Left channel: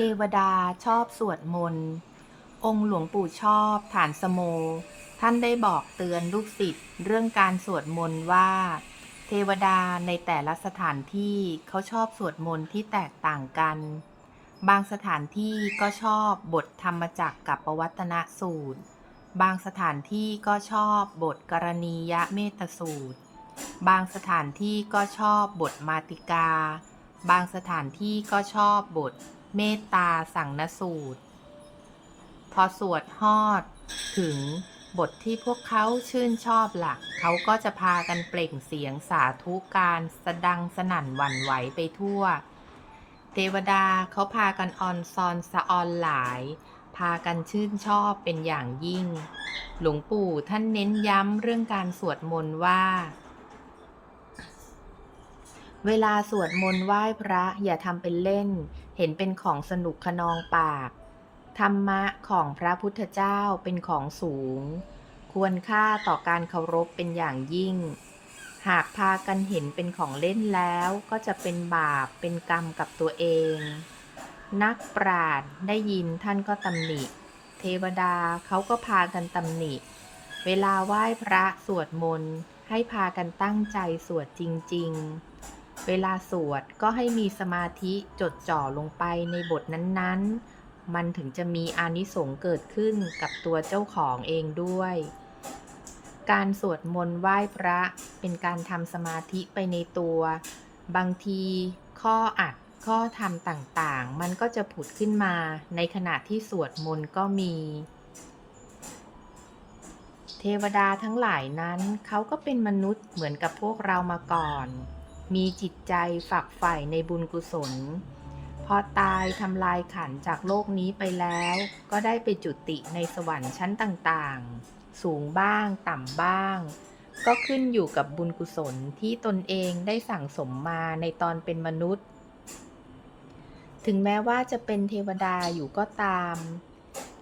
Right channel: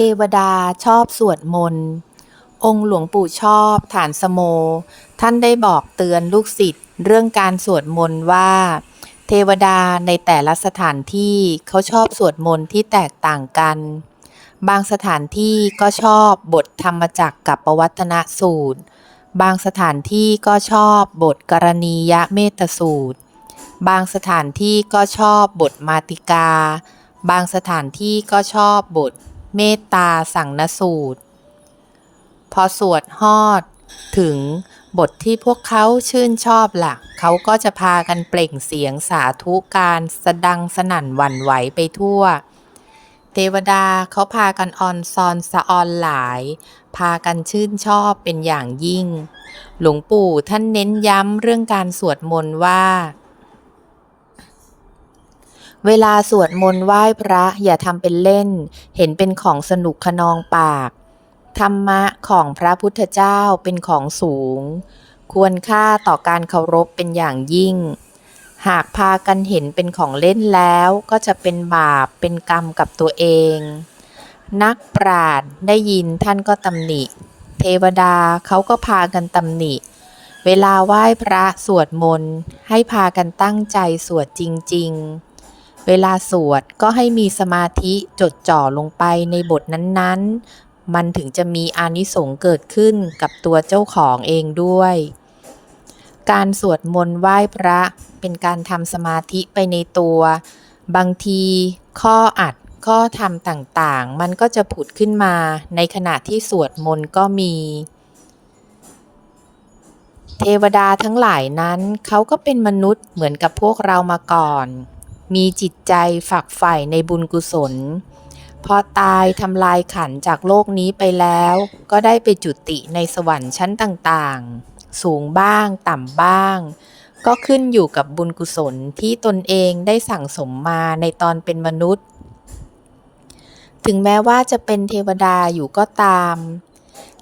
เทวดาชอบสวดมนต์ องค์หลวงปู่ชอบฐานสโม ท่านได้บอกเตือนลูกศิษย์เรื่องการสวดมนต์ว่า เทวดาในแต่ละสถานที่เขาชอบสวดมนต์ที่แตกต่างกัน บางสถานที่ก็ชอบบทธรรมจักรกับปวัตนสูตร บางสถานที่ก็ชอบบทกรณียะเมตสูตร บางสถานที่ก็ชอบบทมาติกา บางสถานที่ก็ชอบบท เมตตาสังนสูตร พอสวดฮอด ถึงบทที่พวกเขาชื่นชอบละ่ะ เขาก็จะพากันเปล่งเสียงสาธุการสดังสนั่นหวั่นไหวไปทั่ว เทวดาเขาพากันออนซอนสะออนหลาย พากันชื่นชอบเป็นอย่างยิ่ง หลวงปู่ท่านเน้นย้ำเรื่องการสวดมนต์ว่า เวลาสวดมนต์ไหว้พระอย่าทำเป็นเล่น เห็นเป็นของสนุกขนองปาก ธรรมะของพระพุทธเจ้าเป็นของสูง ควรค่าต่อการเคารพเป็นอย่างยิ่ง หากพากันเห็นเป็นของเล่นแล้วก็จะเป็นบาปเป็นกรรมกับตัวเอง นักปราชญ์ได้ยินท่านก็ตำหนิ เทวดาเขาก็พากันตำหนิเวลาไหว้พระสวดมนต์ให้พากันตั้งใจสวดจริง ๆ เวลาสวดก็ให้มีสมาธิจดจ่อลงไปในบทนั้นๆ มันถึงจะมีอานิสงส์เกิดขึ้นกับตัวเจ้าของเองด้วย การสวดมนต์ไหว้พระเป็นการทำสมาธิไปในตัว บางทีข้ออัดข้อธรรมต่างๆ มันก็จะผุดขึ้นมาในขณะที่สวดมนต์ก็มี เทวดาทั้งหลายนั้นเขาก็เป็นมนุษย์เหมือนกับพวกเรามาก่อน มีจิตใจฝักใฝ่ในบุญกุศล พอตายทำลายขันจากโลกนี้ไปแล้ว ก็ได้ไปจุติในสวรรค์ชั้นต่างๆ สูงบ้างต่ำบ้าง ก็ขึ้นอยู่กับบุญกุศลที่ตนเองได้สั่งสมมาในตอนเป็นมนุษย์ ถึงแม้ว่าจะเป็นเทวดาอยู่ก็ตาม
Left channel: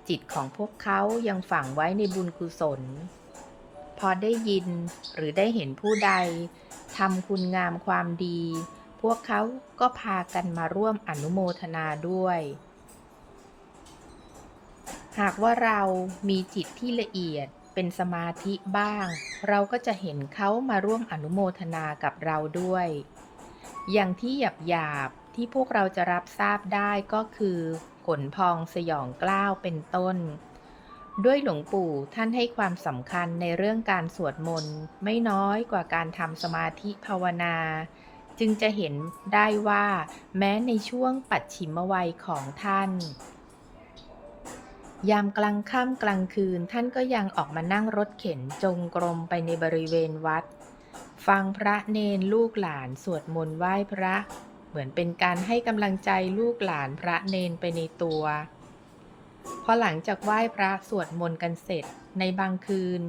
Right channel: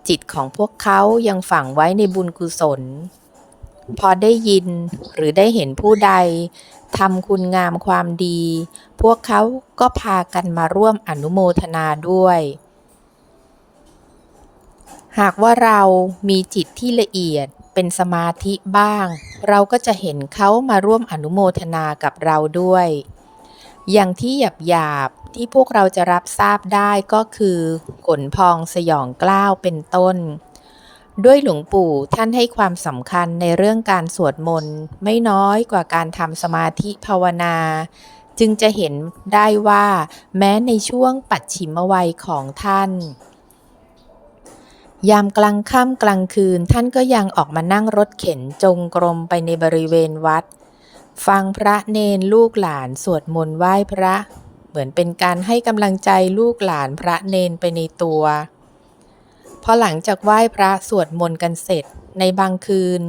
จิตของพวกเขายังฝังไว้ในบุญกุศล พอได้ยินหรือได้เห็นผู้ใดทำคุณงามความดี พวกเขาก็พากันมาร่วมอนุโมทนาด้วย หากว่าเรามีจิตที่ละเอียดเป็นสมาธิบ้าง เราก็จะเห็นเขามาร่วมอนุโมทนากับเราด้วย อย่างที่หยาบหยาบที่พวกเราจะรับทราบได้ก็คือขนพองสยองกล้าวเป็นต้น ด้วยหลวงปู่ท่านให้ความสำคัญในเรื่องการสวดมนต์ไม่น้อยกว่าการทำสมาธิภาวนา จึงจะเห็นได้ว่า แม้ในช่วงปัจฉิมวัยของท่าน ยามกลางค่ำกลางคืนท่านก็ยังออกมานั่งรถเข็นจงกรมไปในบริเวณวัด ฟังพระเนนลูกหลานสวดมนต์ไหว้พระ เหมือนเป็นการให้กำลังใจลูกหลานพระเนนไปในตัว พอหลังจากไหว้พระสวดมนต์กันเสร็จในบางคืน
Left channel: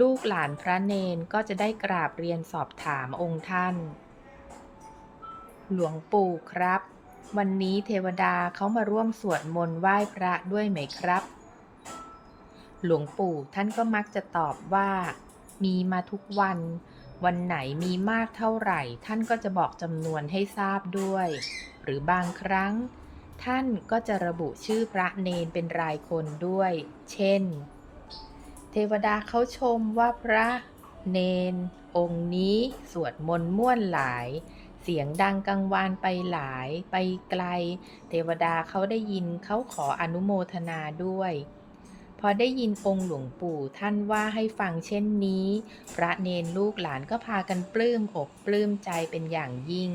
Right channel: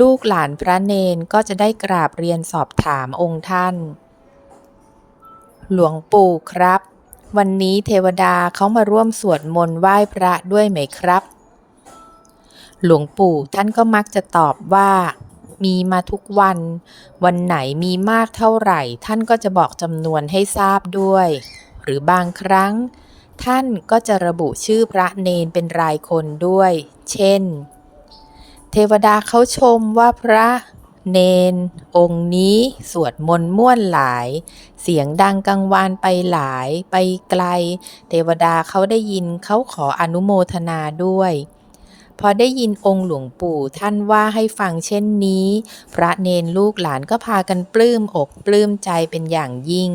ลูกหลานพระเนนก็จะได้กราบเรียนสอบถามองค์ท่าน หลวงปู่ครับ วันนี้เทวดาเขามาร่วมสวดมนต์ไหว้พระด้วยไหมครับ หลวงปู่ท่านก็มักจะตอบว่ามีมาทุกวัน วันไหนมีมากเท่าไหร่ ท่านก็จะบอกจำนวนให้ทราบด้วย หรือบางครั้ง ท่านก็จะระบุชื่อพระเนนเป็นรายคนด้วย เช่น เทวดาเขาชมว่าพระเนน องค์นี้สวดมนต์ม่วนหลาย เสียงดังกังวานไปหลายไปไกล เทวดาเขาได้ยินเขาขออนุโมทนาด้วย พอได้ยินองค์หลวงปู่ท่านว่าให้ฟังเช่นนี้ พระเนนลูกหลานก็พากันปลื้มอกปลื้มใจเป็นอย่างยิ่ง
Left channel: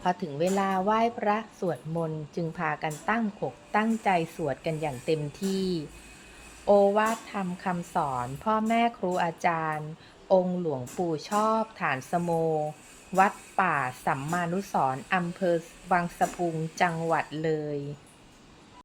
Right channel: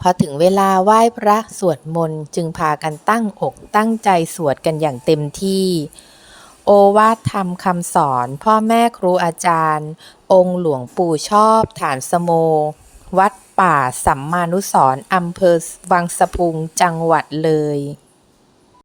พอถึงเวลาไหว้พระสวดมนต์จึงพากันตั้งอกตั้งใจสวดกันอย่างเต็มที่ โอวาทธรรมคำสอน พ่อแม่ครูอาจารย์ องค์หลวงปู่ชอบฐานสโม วัดป่าสัมมานุสร์อำเภอวังสะพุงจังหวัดเลย